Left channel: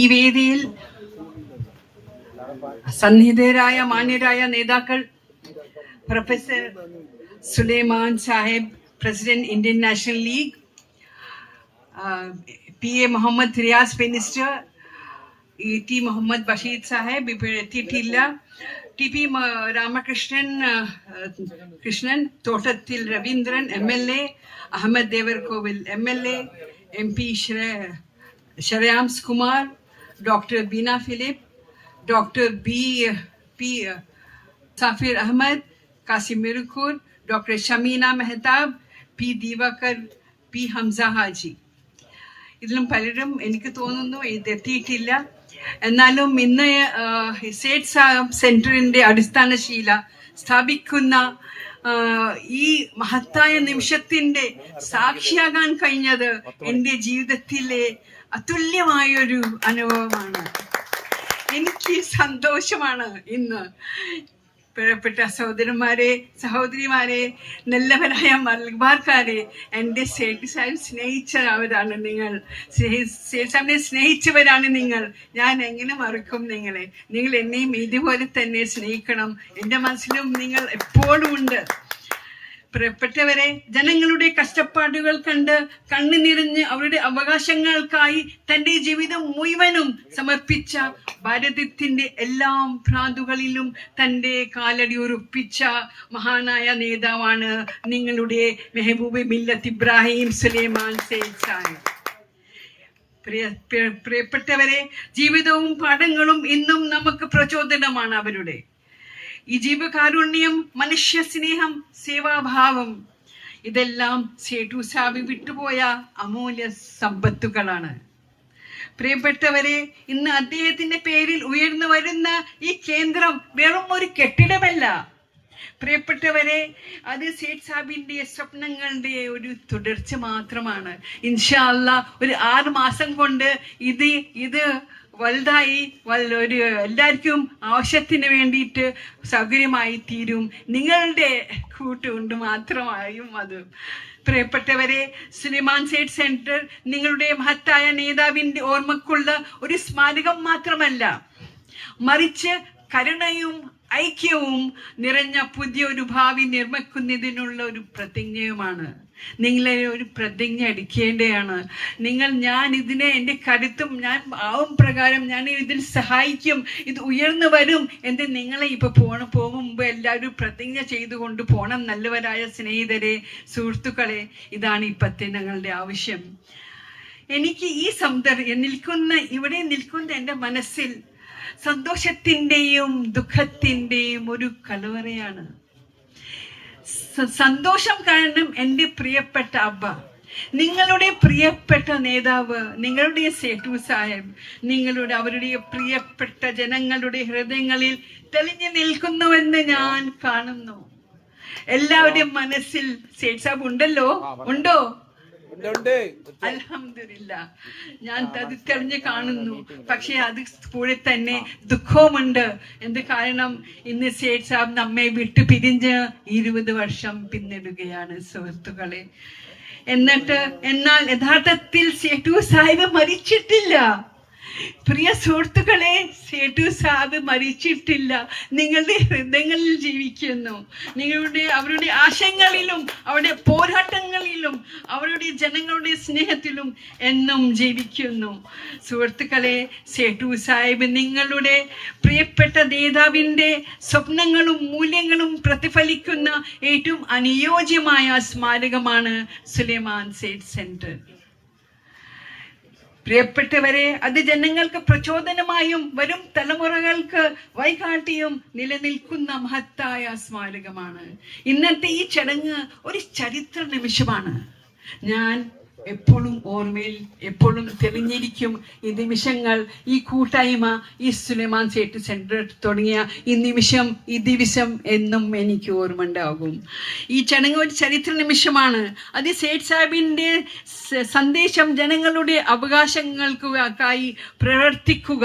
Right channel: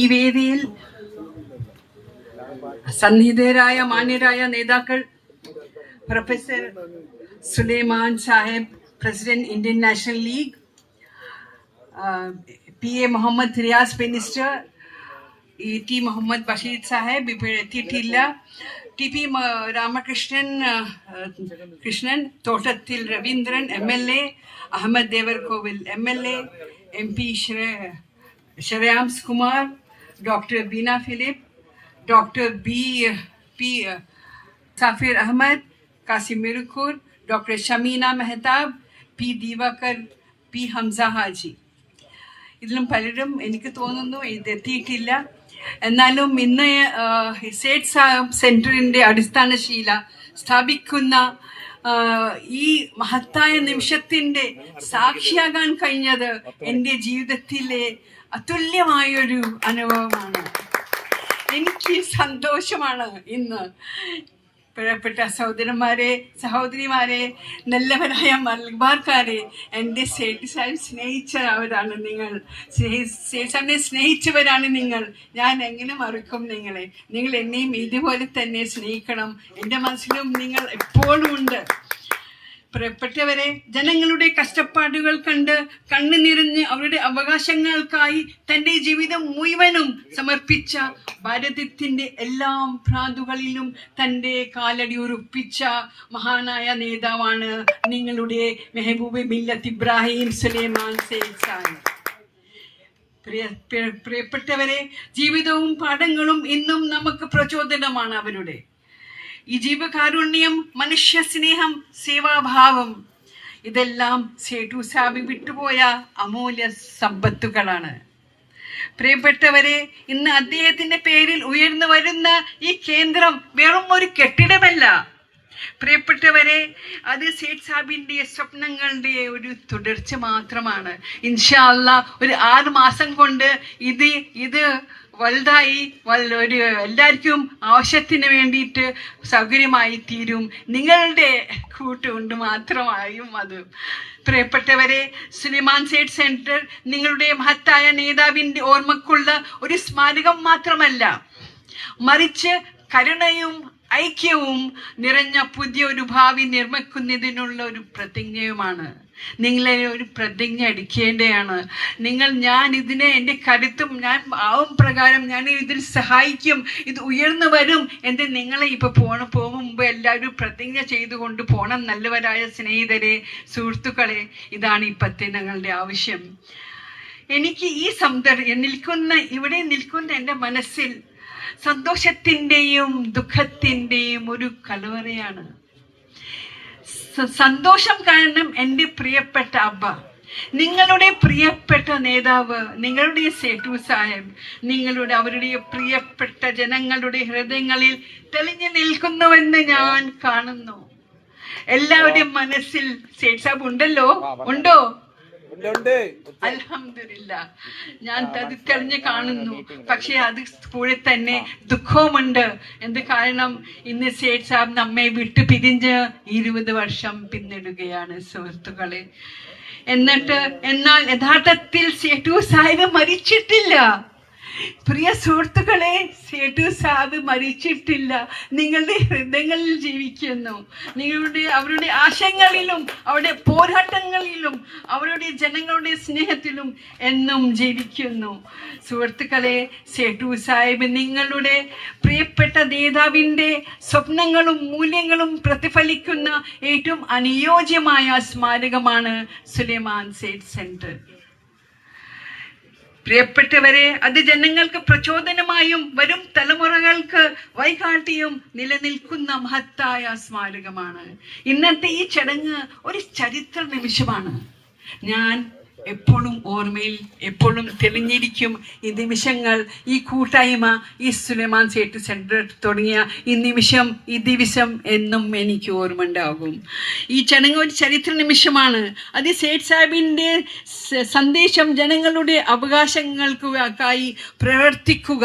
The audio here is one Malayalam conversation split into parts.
ഈ വേദിയിൽ സന്നിഹിതരായ മാന്യരായ നേതാക്കൾ, professor Sulaiman Sahib, president Indian National League, PA Muhammad Riyas minister, ET Muhammad Basheer Sahib ഇപ്പോൾ എത്തിയിട്ടില്ല, TP Ramakrishnan, Thottathil Raveendran MLA, Ahammed Devarkovil MLA, MP Shreyams Kumar, doctor Beena Philip, doctor P Safir Ahammed, Kasim Mirukkur, doctor Shameena Mehtab, P Diwakar, P Hamza Haji. ഇതിലും പലരും എനിക്ക് തോന്നുന്നു ഇതെത്തിയിട്ടില്ല. എന്നാലും ഇന്ന് സേഠ് സാഹിബ് സെന്ററിന്റെ അടിസ്ഥാനശീല സ്ഥാപിക്കുന്ന ഈ മഹത്തായ നിമിഷത്തിന്റെ സാക്ഷിയാകാൻ കഴിഞ്ഞത് എൻ്റെ ജീവിതത്തിലെ അതുല്യമായൊരു അനുഭവമാണ്. എനിക്ക് സന്തോഷമാണ് ഇന്ന്. പ്രിയപ്പെട്ട സഹോദരന്മാരെ, സഹോദരിമാരെ, നല്ലവരായ മലബാർക്കാരെ, എൻ്റെ സേഠ് സാഹിബ് സ്നേഹിച്ചവരാണ് നിങ്ങൾ, സേഠ് സാഹിബിനെ സ്നേഹിച്ചവരാണ് നിങ്ങൾ. ഞാൻ എങ്ങനെ മറക്കും നിങ്ങളെ? നിങ്ങൾ എന്നെയും ഇതുപോലെ തന്നെ സ്നേഹിക്കണം. എൻ്റെ മനസ്സിലും നിങ്ങൾ എപ്പോഴും ഉണ്ട്. പ്രിയപ്പെട്ടവരെ, ജനങ്ങളുടെ കഷ്ടപ്പാടുകൾ കണ്ട് കണ്ണു നിറഞ്ഞ് അവരുടെ അവകാശങ്ങൾക്കായി തൻ്റെ ജീവിതം മുഴുവനും സമർപ്പിച്ച, ഭാരതത്തിന്റെ എല്ലാ പ്രാന്തുകളിലും തൻ്റെ കാലടി ഉറപ്പിച്ച മഹാനായ നേതാവാണ് നിങ്ങളുടെ മെഹബൂബ് മില്ലത്ത് ഇബ്രാഹിം സുലൈമാൻ സേഠ് സാഹിബ്. പ്രിയപ്പെട്ടവരെ, ജീവിതവും പാഠങ്ങളും ഇന്നും നമുക്ക് പ്രചോദനമാണ് അവരുടെ. ഈ ജീവകാരുണ്യം, മനുഷ്യ സ്നേഹം, സേവാഭാവം, ഇതെല്ലാം സേഠ് സാഹിബ് വിട്ടുപോയ അമൂല്യ സമ്പത്തുകളാണ്. പ്രിയപ്പെട്ടവരെ, ഇന്ന് അദ്ദേഹത്തിന്റെ പേരിൽ ഉയർന്നു വരുന്ന ഈ കേന്ദ്രം വെറും ഒരു കെട്ടിടമല്ല. പ്രിയപ്പെട്ടവരെ, അത് സേഠ് സാഹിബിന്റെ സ്വപ്നങ്ങളുടെ ഒരു തുടർച്ച മാത്രമാണ്. ഇൻഷാ അല്ലാഹ് ഒരു 6 മാസം കൊണ്ട് ഇത് വലുതായി ഒരു എല്ലാവർക്കും ആവശ്യത്തിന് വേണ്ടിയിട്ട് സൗകര്യമായി തീരും. നിങ്ങളുടെ കൂട്ടുകൊണ്ട് മാത്രമായും അത്. പ്രിയപ്പെട്ടവരെ, സുലൈമാൻ സേഠ് സെന്റർ നിങ്ങളുടെ മഹത്തായ നേതാവിന്റെ ഓർമ്മക്കുള്ള ഒരു സ്മാരകം മാത്രമല്ല, മറിച്ച് കരുണയും ഐക്യവും നിറഞ്ഞ പുതിയൊരു ഭാവി നിർമ്മിക്കുന്നതിനുള്ള ഒരു പ്രതിജ്ഞയുമാണ്. നിങ്ങളെ ഒരു പ്രതിജ്ഞ എടുക്കേണ്ടതാണ്. ഞാൻ ഇതിനെ എൻ്റെ കരുത്തും ഞാൻ ആവും പ്രകാരം ഞാൻ ഇതിൽ സഹായിക്കും, ഇത് ഉയർന്നു വരും എന്ന് നിങ്ങളെ ഇപ്പൊ പോകും മുമ്പ് എല്ലാവരും പ്രതിജ്ഞ ചെയ്തുകൊണ്ട് പോകണം. നല്ലവരായ സ്നേഹിതരെ, സുഹൃത്തുക്കളെ, ഇതാണ് ഇപ്പത്തെ ഞങ്ങളുടെ ആവശ്യം. എനിക്ക് ഈ ഇവിടെ നിൽക്കുന്ന എൻ്റെ മനസ്സിൽ സന്തോഷത്തിന്റെയും ദുഃഖത്തിന്റെയും ഒരു കലവറയാണ്. സന്തോഷം കാരണം എൻ്റെ പ്രിയപ്പെട്ട അബ്ബ, നിങ്ങളുടെ പ്രിയപ്പെട്ട നേതാവ്, നിങ്ങളുടെ സേഠ് സാഹിബ് അവരുടെ പ്രിയപ്പെട്ട ജനങ്ങളുടെ ഹൃദയങ്ങളിൽ തെളിഞ്ഞു നിൽക്കുന്നുവെന്ന് ഞാൻ കാണുന്നു. എല്ലാവരുടെയും മനസ്സിൽ സേഠ് സാഹിബ് ഉണ്ടോ? അൽഹംദുലില്ലാ, ഞാൻ തിരിഞ്ഞ് കാണുന്നു. പക്ഷെ അത് കൂടെ തന്നെ ദുഃഖവുമുണ്ട്. എന്ത് കാരണം? ഇന്ന് സേഠ് സാഹിബ് നമ്മെ വിട്ടു പിരിഞ്ഞ് 20 വർഷം പിന്നിടുകയാണ് സുഹൃത്തുക്കളെ. എന്നാൽ യഥാർത്ഥത്തിൽ സേഠ് സാഹിബ് മരിച്ചിട്ടില്ല. പ്രിയ സുഹൃത്തുക്കളെ, സേഠ് സാഹിബ് മരിച്ചിട്ടില്ല. നിങ്ങളുടെ ഹൃദയങ്ങളിൽ ജീവിക്കുന്നു. അവരുടെ ആശയങ്ങളിലും അവരുടെ പോരാട്ടങ്ങളിലും അവരുടെ ജനങ്ങളുടെ സ്നേഹത്തിലും എന്നും ജീവിക്കുന്നു. സുഹൃത്തുക്കളെ, സേഠ് സാഹിബ് നിങ്ങളുടെ പ്രിയപ്പെട്ട നേതാവിന്റെ സ്വപ്നങ്ങളും മൂല്യങ്ങളും പ്രതിഫലിക്കുന്ന ഏറ്റവും അനുയോജ്യമായ സ്മാരകമാണ് സുലൈമാൻ സേഠ് സെന്റർ. പ്രിയപ്പെട്ടവരെ, അത് ജനങ്ങൾക്ക് പ്രചോദനമായും വരും തലമുറകൾക്ക് വഴികാട്ടിയും നിലനിൽക്കുന്ന മഹത്തായ സ്മാരകമാണ്. ഇന്നത്തെ ഈ ചടങ്ങ് ഒരു ചരിത്ര നിമിഷമാണ്. ഞാൻ എപ്പോഴും ഓർമ്മയിൽ എപ്പോഴും തെളിഞ്ഞിരിക്കും ഈ നിമിഷങ്ങൾ, ഈ കൂട്ടായ്മ, ഈ സുലൈമാൻ സേഠ് സെന്റർ തുടങ്ങിയ ഈ ദിവസം എന്നും എനിക്ക് ഓർമ്മ ഉണ്ടാകും. ഈ ചടങ്ങ് ഒരു ചരിത്ര നിമിഷമാണ്. അത് സേഠ് സാഹിബിന്റെ സന്ദേശം ജനങ്ങളുടെ അവകാശങ്ങൾക്കായി പ്രവർത്തിക്കുക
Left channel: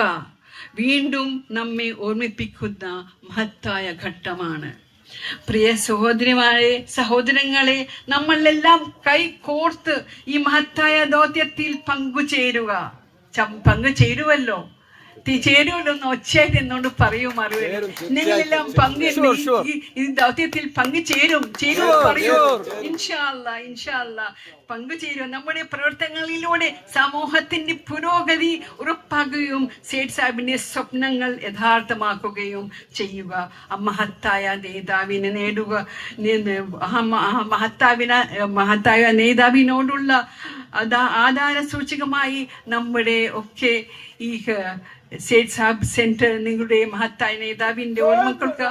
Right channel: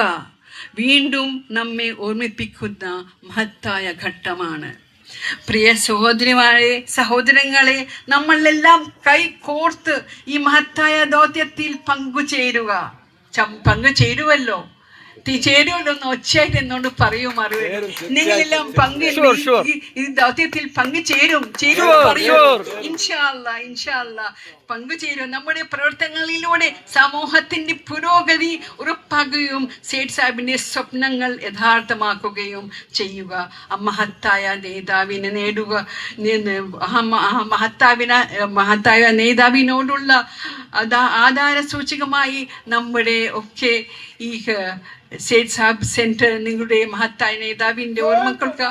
വീണ്ടും നമ്മെ ഓർമ്മിപ്പിക്കുന്ന മഹത്തായ ഘട്ടമാണ്. പ്രിയ സഹോദരങ്ങളെ, നമ്മളെല്ലാം കൈകോർത്ത് ഈ മഹത്തായ ദൗത്യത്തിൽ പങ്കുചേരുക. പങ്കുചേരുമല്ലോ ചേരുമല്ലോ എന്ന് ഒച്ചയായിട്ട് എന്നോട് പറയൂ മറുപടി. നിങ്ങളെല്ലാം ഈ ദൗത്യത്തിൽ പങ്കുചേരും ഇൻഷാ അല്ലാ പങ്കുചേരും. നമ്മുടെ പ്രവർത്തനങ്ങളിലൂടെ സമൂഹത്തിന്റെ പുരോഗതി ഉറപ്പാക്കുകയും സേഠ് സാഹിബിന്റെ സ്വപ്നങ്ങൾ യഥാർത്ഥമാക്കുകയും ചെയ്യുക. മഹത്തായ നേതാവിനെ നേടുക. മഹത്തായ നേതാവിനോടുള്ള ആധാര സൂചകമായി നമ്മുടെ ഒക്കെ ഈ സേഠ് സാഹിബ് സെന്റർ നിങ്ങളുടെ മഹത്തായ നേതാവിന്റെ ഓർമ്മകൾക്ക്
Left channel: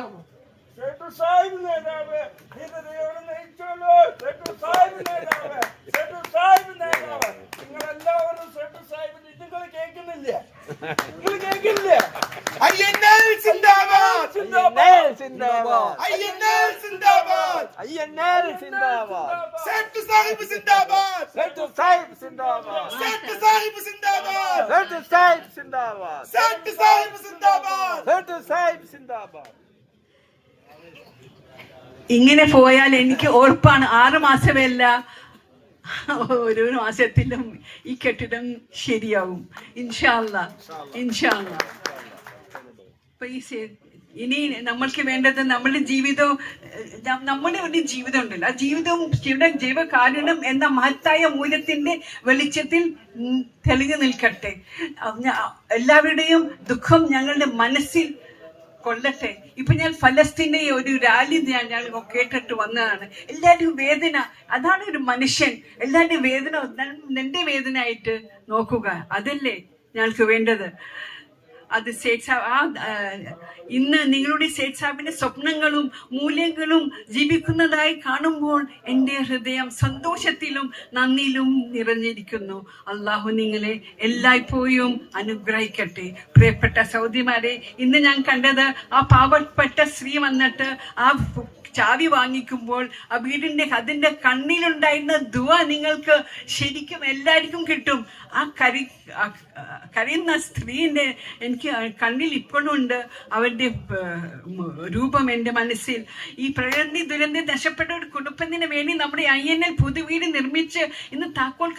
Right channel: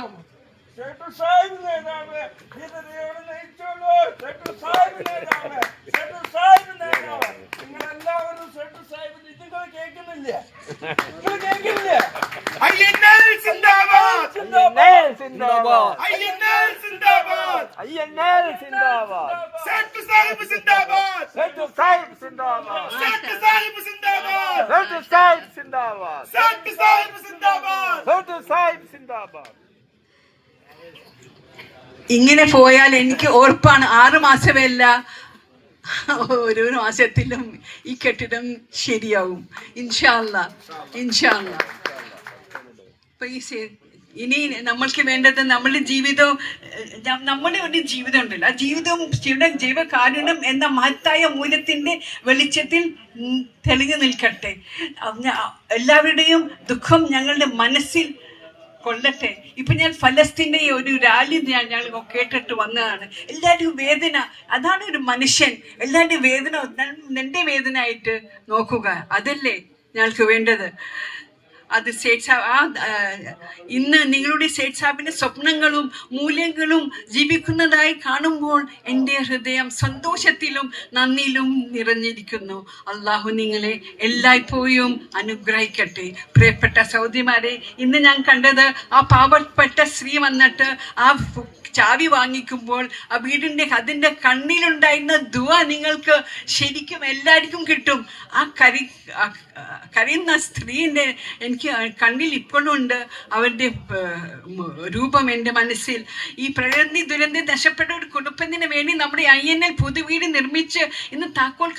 ഇങ്ങനെ പോയാൽ എനിക്ക് ഉറപ്പാണ് 6 മാസമല്ല ഓരോ മാസത്തിലും ഈ കെട്ടിടം ശരിയാവും ഇൻഷാ അല്ലാ. അപ്പൊ ഇനി നമ്മൾക്ക് വേണ്ടത് നമ്മുടെ ജീവിതവും നമ്മുടെ ഒരു ജീവിതം ഉണ്ടല്ലോ, ആ ജീവിതവും ജീവകാരുണ്യം എന്ന മഹത്തായ മൂല്യത്തിന്റെ വെളിച്ചത്തിൽ തെളിഞ്ഞു നിൽക്കട്ടെ. എല്ലാവരുടെയും ദുഃഖം ഞങ്ങളുടെ മനസ്സിൽ കൊള്ളട്ടെ. ഇപ്പൊ ഞാൻ ഫലസ്തീന്റെ ഒരു റാലി ഞാൻ കേട്ടിട്ട് വന്നതാണ്. എല്ലാവരുടെയും വേദന, അതാണ് ഒരു മനുഷ്യൻ. എല്ലാവരുടെയും വേദന നിന്റെ വേദന ആയിട്ട് നോക്കുക, അതല്ലേ ഞങ്ങൾക്ക് വേണ്ടത്. അത് സേഠ് സാഹിബ് ഇന്ന് നിങ്ങളുടെ സേഠ് സാഹിബിന്റെ സ്വപ്നങ്ങളും മൂല്യങ്ങളും ജീവിക്കുന്നതായി കാണുമ്പോൾ എൻ്റെ ഹൃദയം സന്തോഷത്തിലും നന്ദിയിലും നിറഞ്ഞിരിക്കുന്നു. അള്ളാഹു നിങ്ങളെ എല്ലായ്പ്പോഴും അനുഗ്രഹിക്കട്ടെ. പ്രിയപ്പെട്ട സഹോദരിമാരെ, ഇന്ന് ഞാൻ കണ്ടത് ആ പാവപ്പെട്ട സ്ത്രീ വന്നിട്ട് ആ ചാവി വാങ്ങിക്കുമ്പോൾ ആ വീടിന്റെ അതിന്റെ കണ്ണിലുണ്ടായിരുന്ന ദുആ നിങ്ങൾക്ക് ശരിക്കും എല്ലാവർക്കും കിട്ടും. ആ കരയുന്ന സ്ത്രീന്റെ എനിക്ക് കണ്ണിൽ ഇപ്പോഴും ഉണ്ട് അവരുടെ രൂപം എൻ്റെ മനസ്സിൽ. ഈ പ്രകൃതി ദുരന്തം നഷ്ടപ്പെട്ട ഒരു കുടുംബത്തിന് വേണ്ടി നമ്മുടെ INL പുതുവീട് നിർമ്മിച്ച് ഇന്ന് താക്കോൽ